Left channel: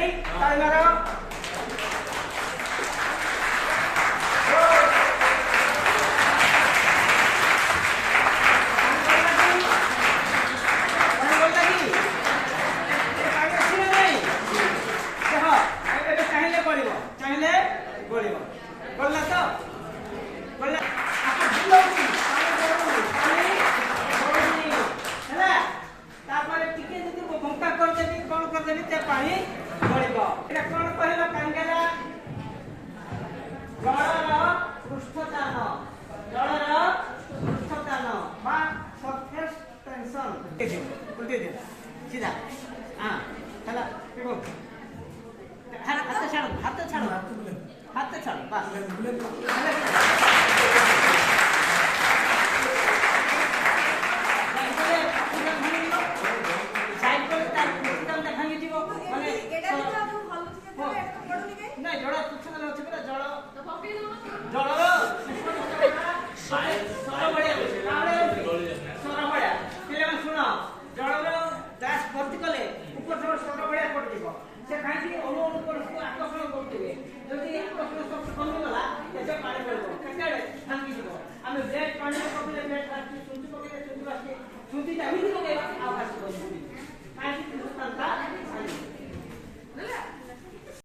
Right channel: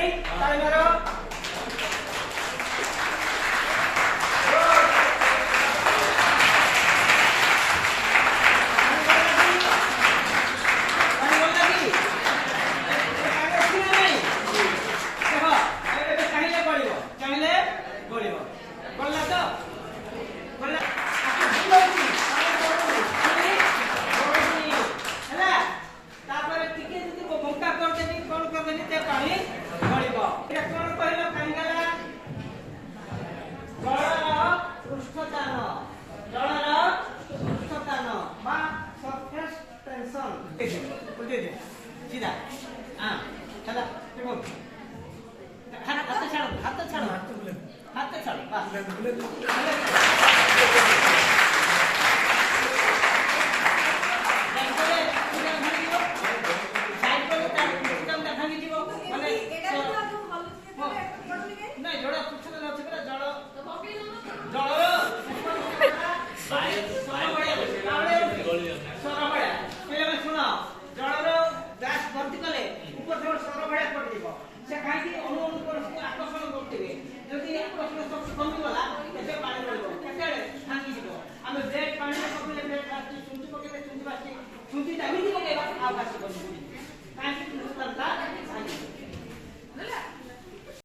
ready ताली मारो सीधा हाँ चला देखो हाथ छाड़ो बस साइड पर चिकनटा भांगी जीव माने नहीं जड़ पुछना न अछि परा जड़ सुनो जड़र ग्लास भर्ती कले ऊपर सब सर बढ़िया पड़िब से कहीं अणु अणु पर आकर्षण करते जदि आकर्षण शक्ति कमी गला एसे पानी पड़ो केते भांगी जीव आम ब्रेड पानी पकड़े ब्रेड सुंटी पकड़े सुंटी बासी सुंटी एमती पकड़ा आकाश बनी कहीं